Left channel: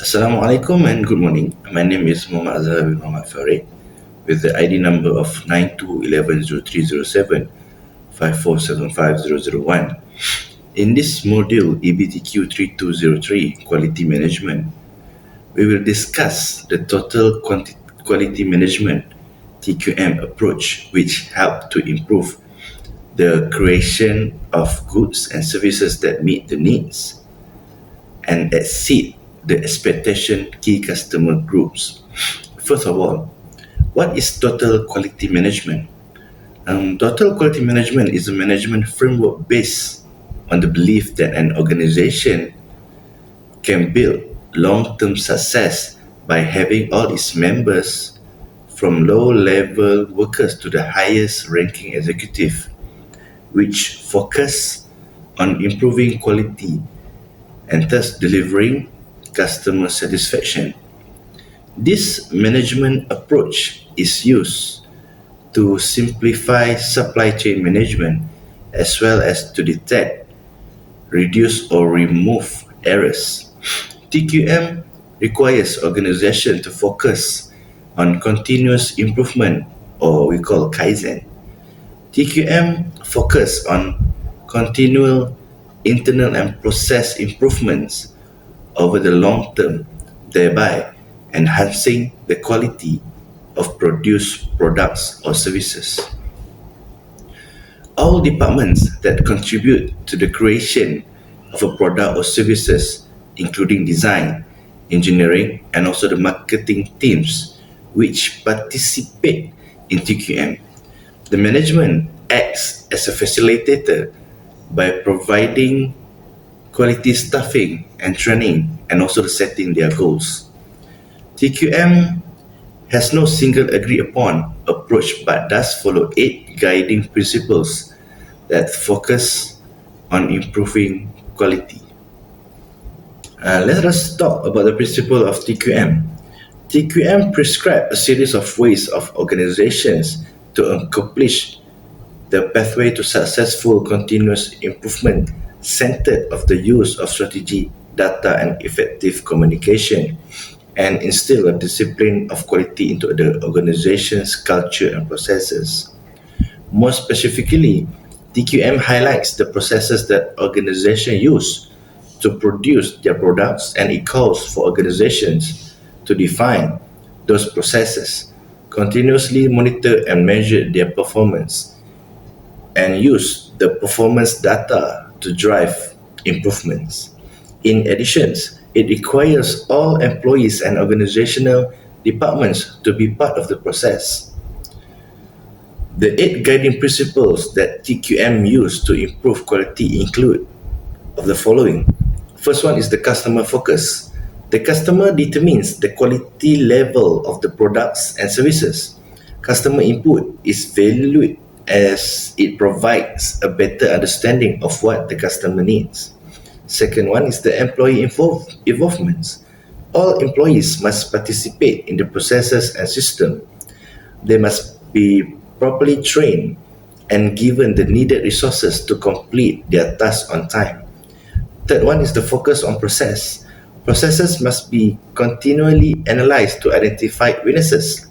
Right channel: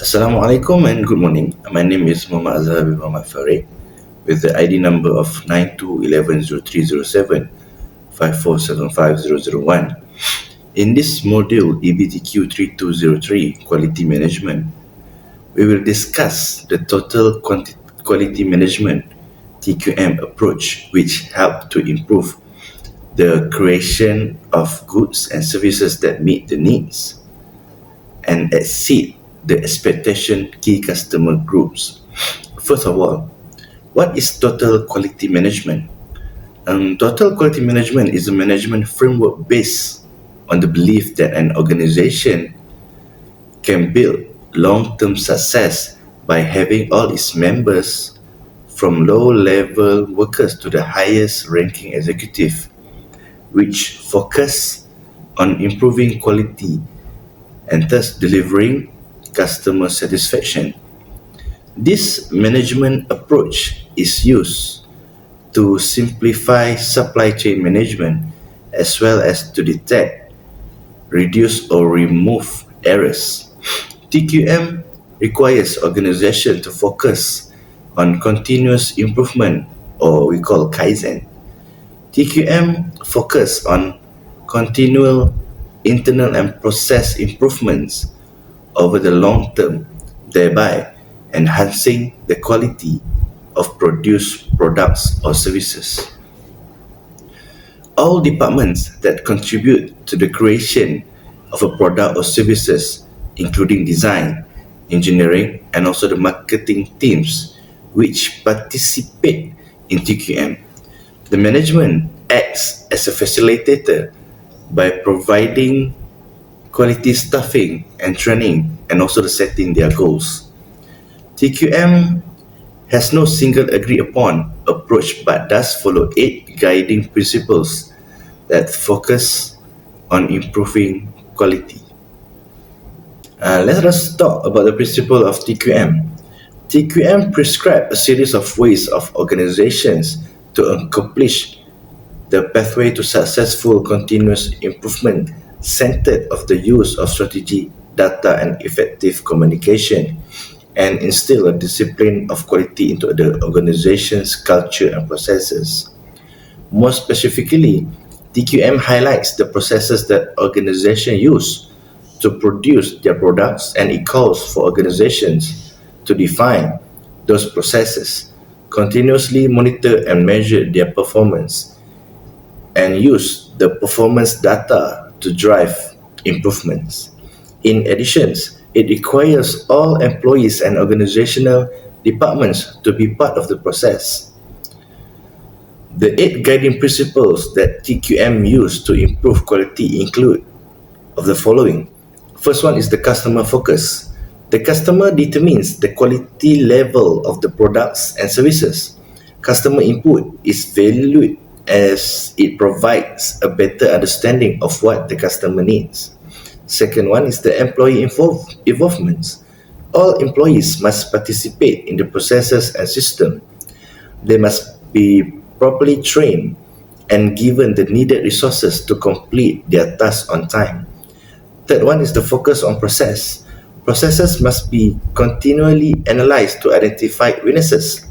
Assalamualaikum and good morning. My name is Muhammad Azhar bin Muhammad Farid with the ID number of 9211030754750001. In this module EBTQ 3203 Quality Management, we will discuss the Total Quality Management TQM approach, which help to improve the creation of goods and services that meet the needs and exceed the expectation key customer groups. First of all, what is total quality management? Total quality management is a management framework based on the belief that an organization can build long-term success by having all its members from low-level workers to the highest ranking executive, which focus on improving quality and thus delivering customer satisfaction. This management approach is used to simplify supply chain management as well as to detect, reduce, or remove errors. TQM requires organization to focus on continuous improvement, or we call Kaizen. TQM focus on continual internal and process improvements over the long term, thereby enhancing the quality of produced products or services. All departments that contribute to the creation of a product or services, including design, engineering, and also the marketing teams, which participate in TQM. The management acts as a facilitator by providing quality staffing and training and also the setting their goals. TQM has no single agreed upon approach but does follow eight guiding principles that focus on improving quality. Let us talk about the principle of TQM. TQM prescribes a series of ways of organizations to accomplish the pathway to successful continuous improvement centered of the use of strategy, data, and effective communication, and instill a discipline of quality into the organization's culture and processes. More specifically, TQM highlights the processes that organizations use to produce their products, and it calls for organizations to define those processes, continuously monitor and measure their performance, and use the performance data to drive improvements. In addition, it requires all employees and organizational departments to be part of the process. The eight guiding principles that TQM use to improve quality include of the following. First one is the customer focus. The customer determines the quality level of the products and services. Customer input is valued as it provides a better understanding of what the customer needs. Second one is the employee involvement. All employees must participate in the processes and system. They must be properly trained and given the needed resources to complete their tasks on time. Third one is the focus on process. Processes must be continually analyzed to identify weaknesses.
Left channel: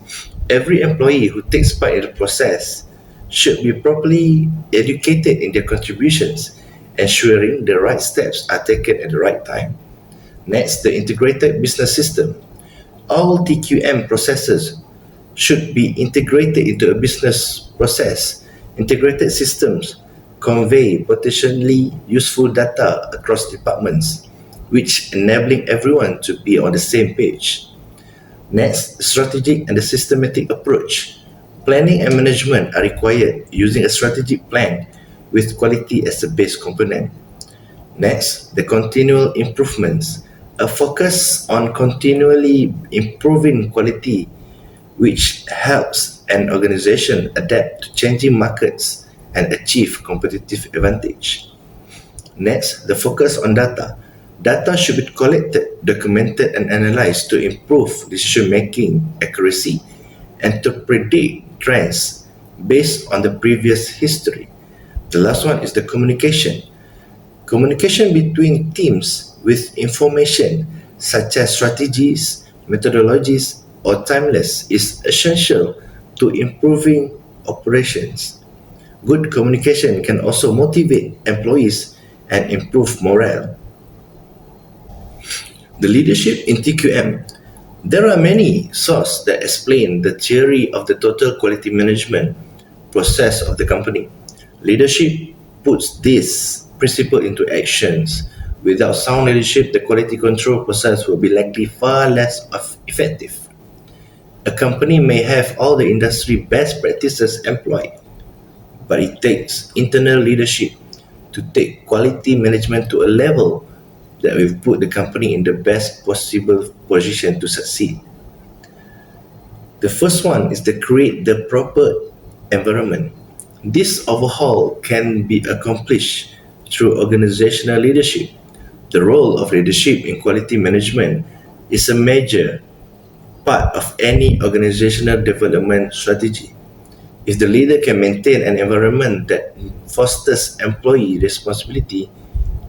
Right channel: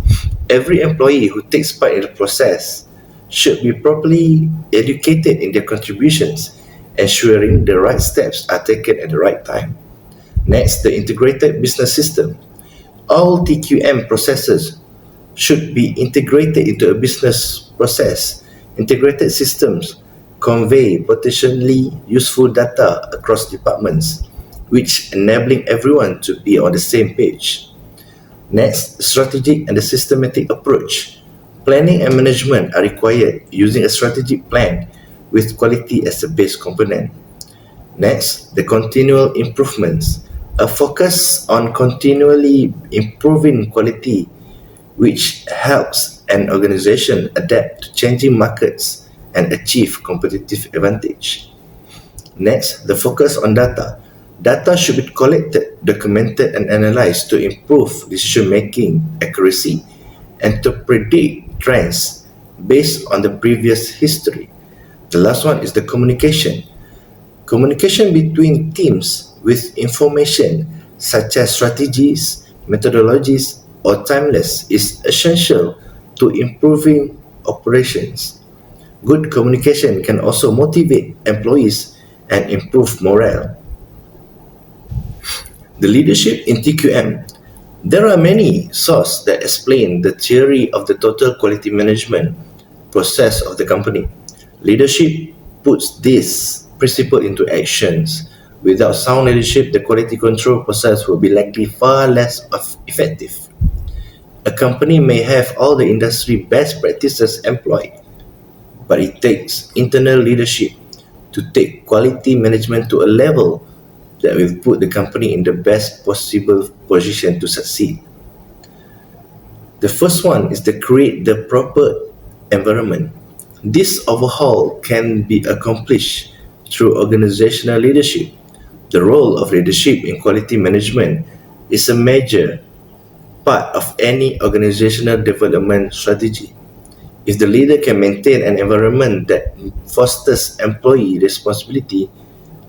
Every employee who takes part in the process should be properly educated in their contributions, ensuring the right steps are taken at the right time. Next, the integrated business system. All TQM processes should be integrated into a business process. Integrated systems convey potentially useful data across departments, which enabling everyone to be on the same page. Next, strategic and the systematic approach. Planning and management are required using a strategic plan with quality as a base component. Next, the continual improvements. A focus on continually improving quality, which helps an organization adapt to changing markets and achieve competitive advantage. Next, the focus on data. Data should be collected, documented, and analyzed to improve decision-making accuracy and to predict trends based on the previous history. The last one is the communication. Communication between teams with information such as strategies, methodologies, or timeless, is essential to improving operations. Good communication can also motivate employees and improve morale. The leadership in TQM. There are many sources that explain the theory of the total quality management process of the company. Leadership puts this principle into actions. Without sound leadership, the quality control process will be likely far less effective. A company may have all the industry best practices employed, but it takes internal leadership to take quality management to a level that will put the company in the best possible position to succeed. The first one is to create the proper environment. This overhaul can be accomplished through organizational leadership. The role of leadership in quality management is a major part of any organizational development strategy. If the leader can maintain an environment that fosters employee responsibility,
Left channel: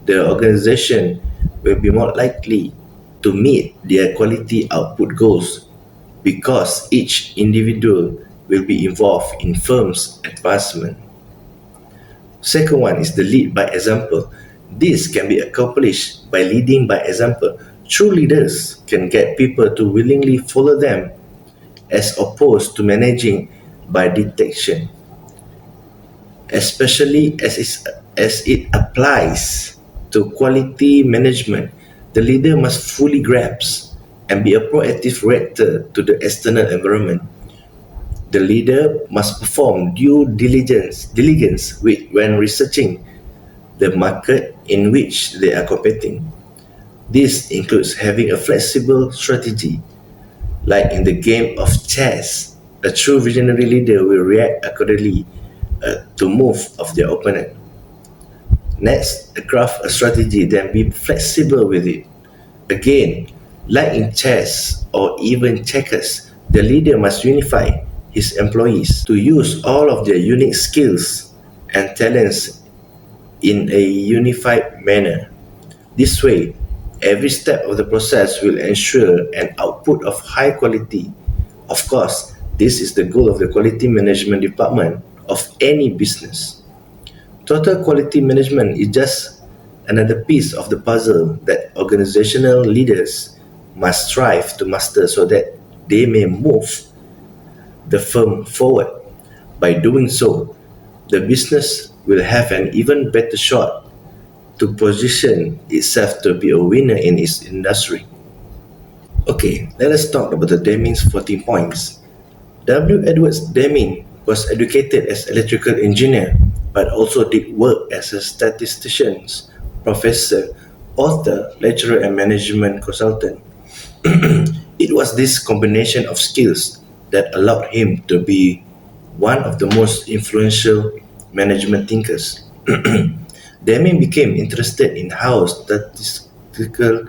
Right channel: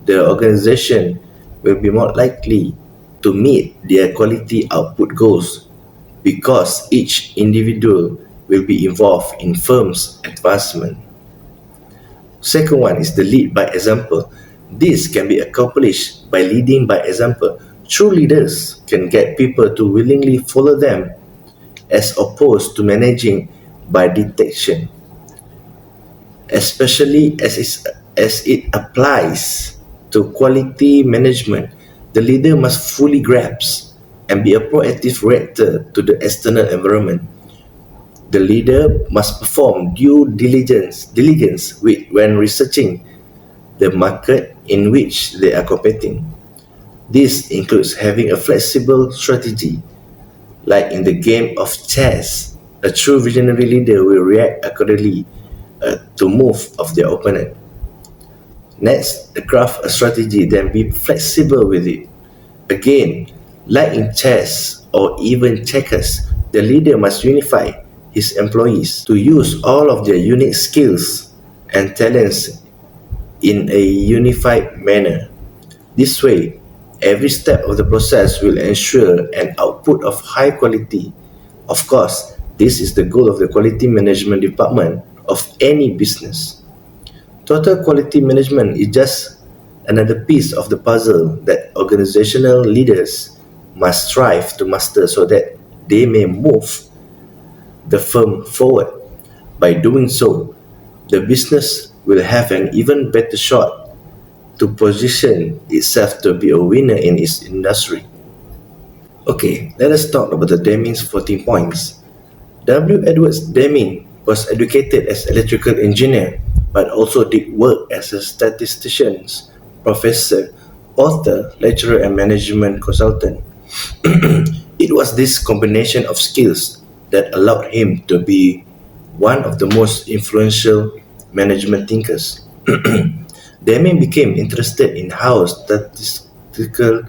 the organization will be more likely to meet their quality output goals because each individual will be involved in firm's advancement. Second one is the lead by example. This can be accomplished by leading by example. True leaders can get people to willingly follow them as opposed to managing by detection, especially as it applies to quality management. The leader must fully grasp and be a proactive reactor to the external environment. The leader must perform due diligence when researching the market in which they are competing. This includes having a flexible strategy. Like in the game of chess, a true visionary leader will react accordingly to move of their opponent. Next, craft a strategy, then be flexible with it. Again, like in chess or even checkers, the leader must unify his employees to use all of their unique skills and talents in a unified manner. This way, every step of the process will ensure an output of high quality. Of course, this is the goal of the quality management department of any business. Total quality management is just another piece of the puzzle that organizational leaders must strive to master so that they may move the firm forward. By doing so, the business will have an even better shot to position itself to be a winner in its industry. Okay, let us talk about the Deming's 14 points. W. Edwards Deming was educated as electrical engineer but also did work as a statistician, professor, author, lecturer and management consultant. It was this combination of skills that allowed him to be one of the most influential management thinkers. Deming became interested in how statistical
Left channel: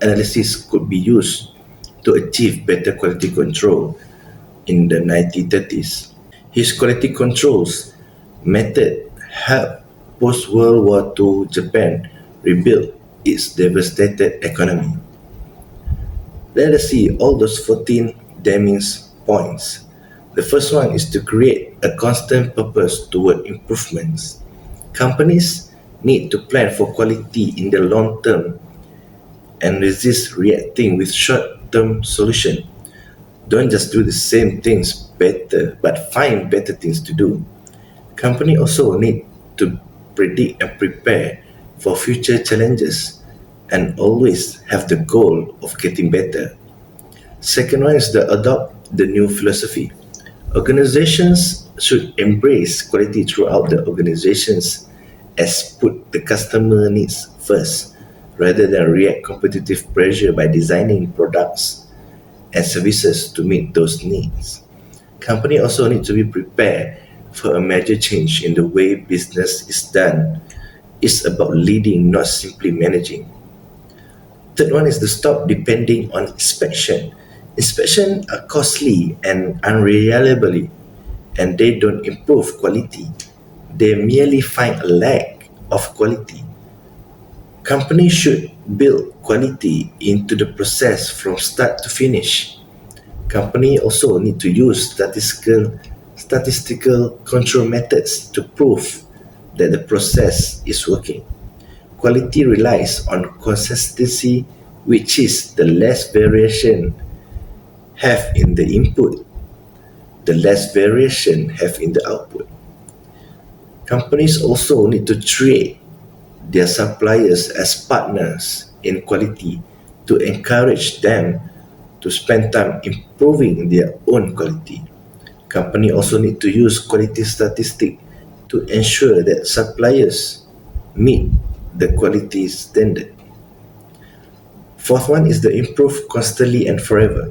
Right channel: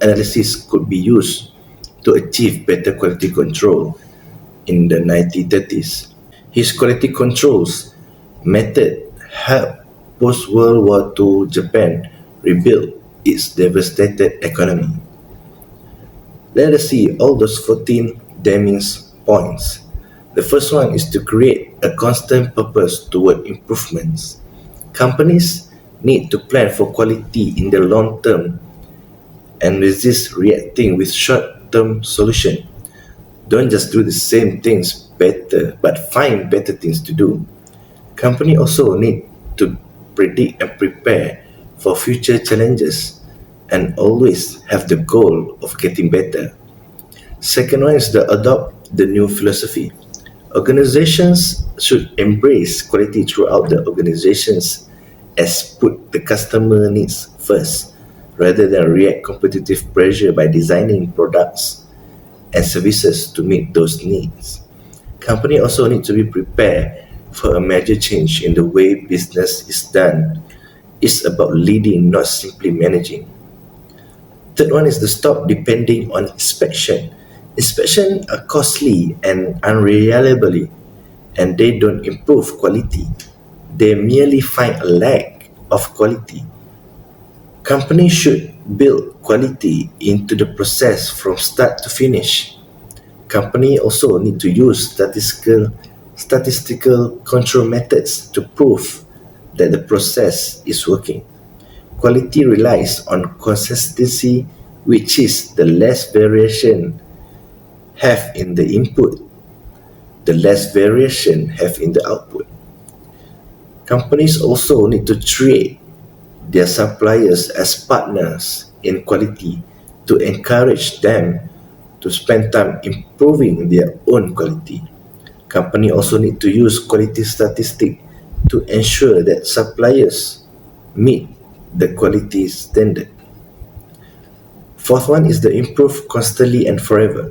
analysis could be used to achieve better quality control in the 1930s. His quality controls method helped post-World War II Japan rebuild its devastated economy. Let us see all those 14 Deming's points. The first one is to create a constant purpose toward improvements. Companies need to plan for quality in the long term and resist reacting with short-term solutions. Don't just do the same things better, but find better things to do. Company also need to predict and prepare for future challenges and always have the goal of getting better. Second one is to adopt the new philosophy. Organizations should embrace quality throughout the organizations as put the customer needs first rather than react competitive pressure by designing products and services to meet those needs. Company also need to be prepared for a major change in the way business is done. It's about leading, not simply managing. Third one is to stop depending on inspection. Inspection are costly and unreliable, and they don't improve quality. They merely find a lack of quality. Companies should build quality into the process from start to finish. Company also need to use statistical control methods to prove that the process is working. Quality relies on consistency, which is the less variation have in the input, the less variation have in the output. Companies also need to treat their suppliers as partners in quality to encourage them to spend time improving their own quality. Company also need to use quality statistic to ensure that suppliers meet the quality standard. Fourth one is the improve constantly and forever.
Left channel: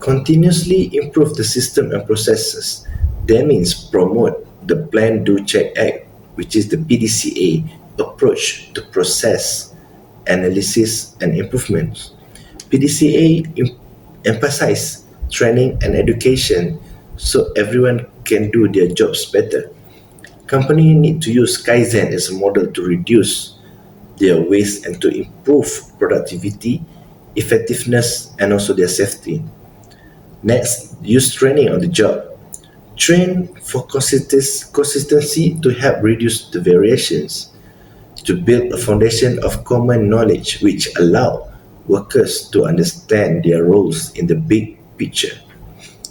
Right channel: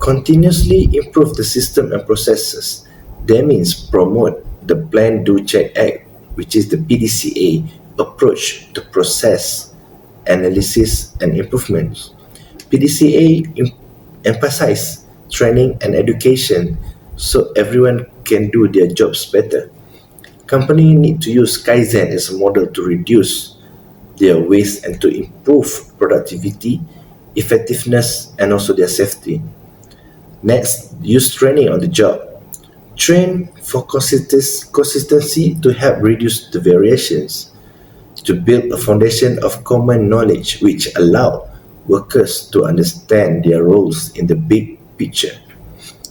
Continuously improve the system and processes. That means promote the plan, do, check, act, which is the PDCA approach to process, analysis, and improvements. PDCA emphasize training and education so everyone can do their jobs better. Company need to use Kaizen as a model to reduce their waste and to improve productivity, effectiveness, and also their safety. Next, use training on the job. Train for consistency to help reduce the variations, to build a foundation of common knowledge which allow workers to understand their roles in the big picture.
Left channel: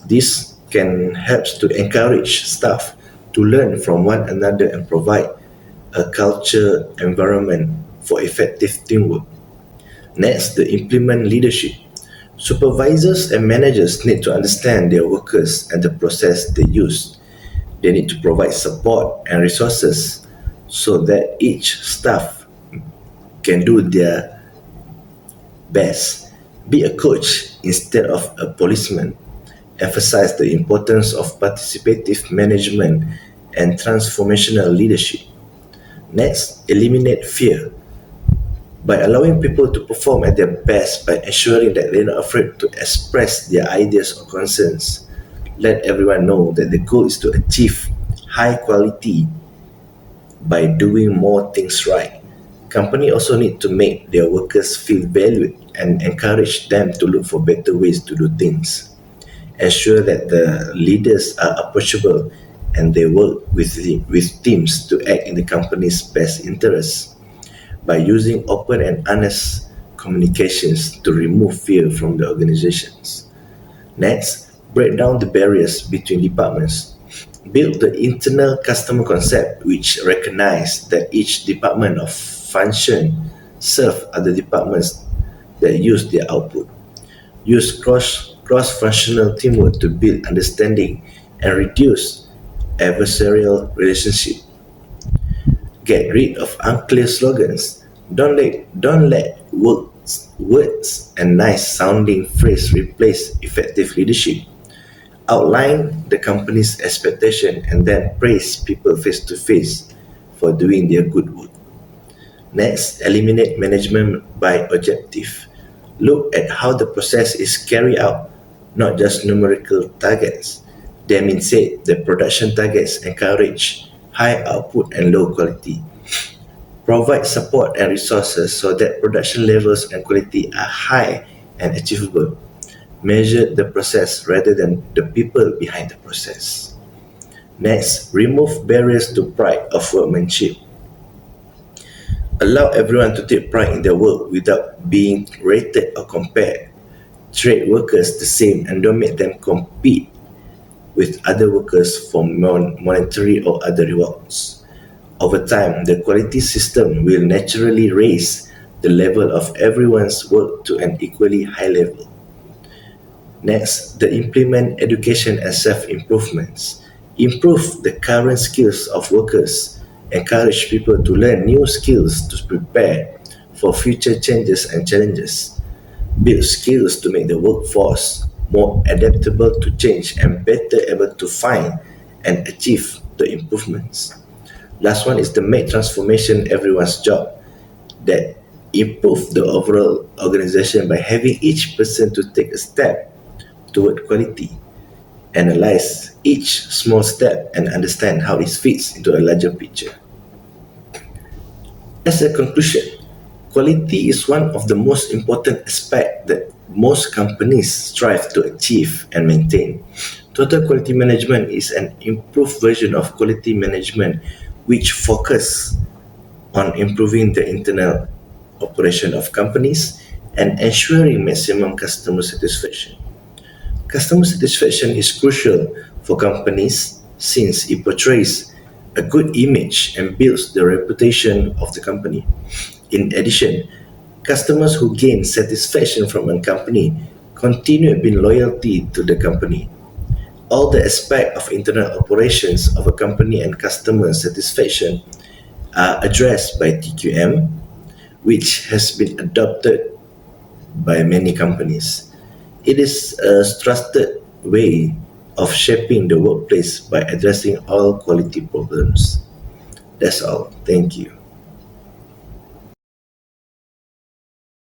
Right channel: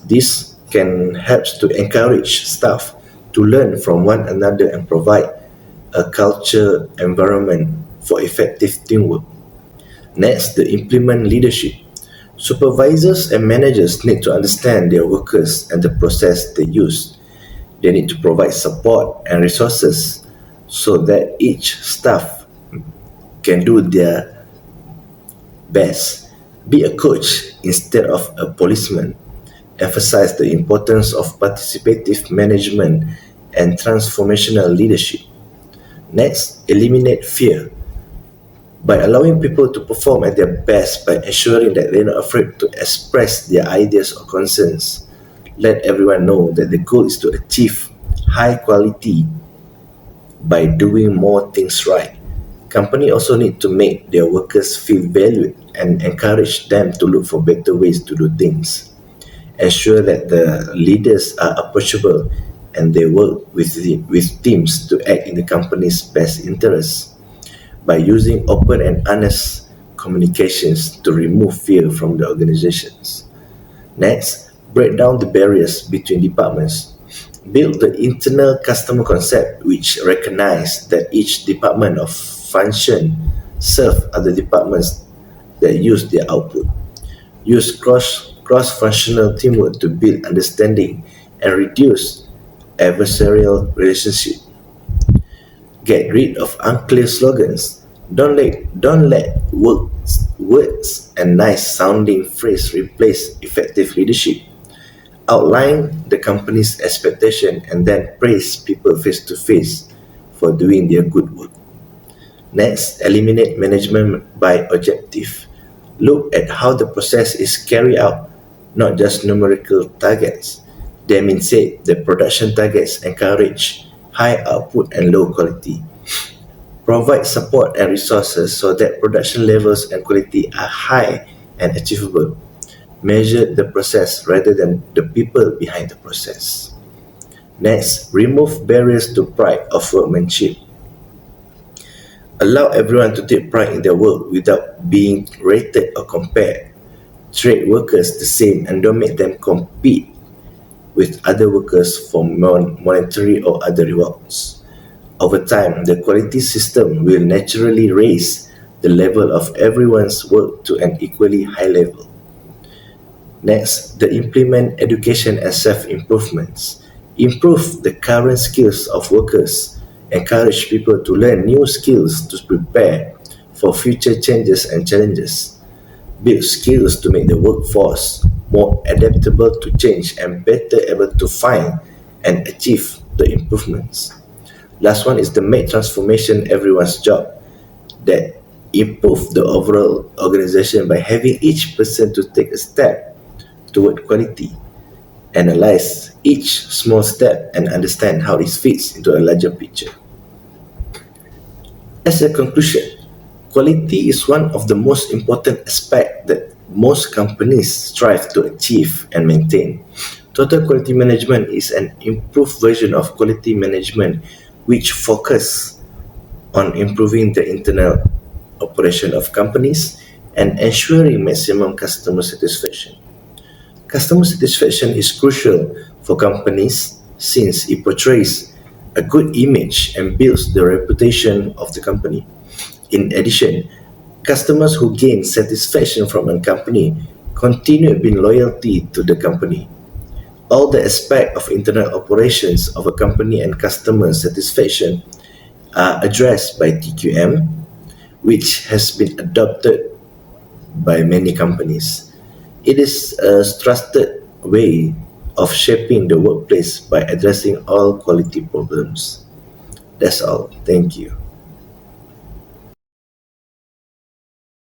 This can help to encourage staff to learn from one another and provide a culture environment for effective teamwork. Next, the implement leadership. Supervisors and managers need to understand their workers and the process they use. They need to provide support and resources so that each staff can do their best. Be a coach instead of a policeman. Emphasize the importance of participative management and transformational leadership. Next, eliminate fear. By allowing people to perform at their best by ensuring that they're not afraid to express their ideas or concerns. Let everyone know that the goal is to achieve high quality by doing more things right. Company also need to make their workers feel valued and encourage them to look for better ways to do things. Ensure that the leaders are approachable and they work with teams to act in the company's best interests by using open and honest communications to remove fear from the organizations. Next, break down the barriers between departments. Build the internal customer concept which recognize that each department of function serve other departments that use their output. Use cross-functional teamwork to build understanding and reduce adversarial relationship. Get rid of unclear slogans. Don't let words and nice sounding phrase replace effective leadership. Outline the company's expectation and then praise people face to face for doing their good work. Next, eliminate management by objective. Look at how the process is carried out, not just numerical targets. That means say the production targets encourage high output and low quality. Provide support and resources so that production levels and quality are high and achievable. Measure the process rather than the people behind the process. Next, remove barriers to pride of workmanship. Allow everyone to take pride in their work without being rated or compared. Treat workers the same and don't make them compete with other workers for monetary or other rewards. Over time, the quality system will naturally raise the level of everyone's work to an equally high level. Next, the implement education and self-improvements. Improve the current skills of workers. Encourage people to learn new skills to prepare for future changes and challenges. Build skills to make the workforce more adaptable to change and better able to find and achieve the improvements. Last one is to make transformation everyone's job that improve the overall organization by having each person to take a step toward quality, analyze each small step and understand how it fits into a larger picture. As a conclusion, Quality is one of the most important aspects that most companies strive to achieve and maintain. Total quality management is an improved version of quality management which focus on improving the internal operation of companies and ensuring maximum customer satisfaction. Customer satisfaction is crucial for companies since it portrays a good image and builds the reputation of the company. In addition, customers who gain satisfaction from a company continue being loyalty to the company. All the aspects of internal operations of a company and customer satisfaction are addressed by TQM, which has been adopted by many companies. It is a trusted way of shaping the workplace by addressing all quality problems. That's all. Thank you.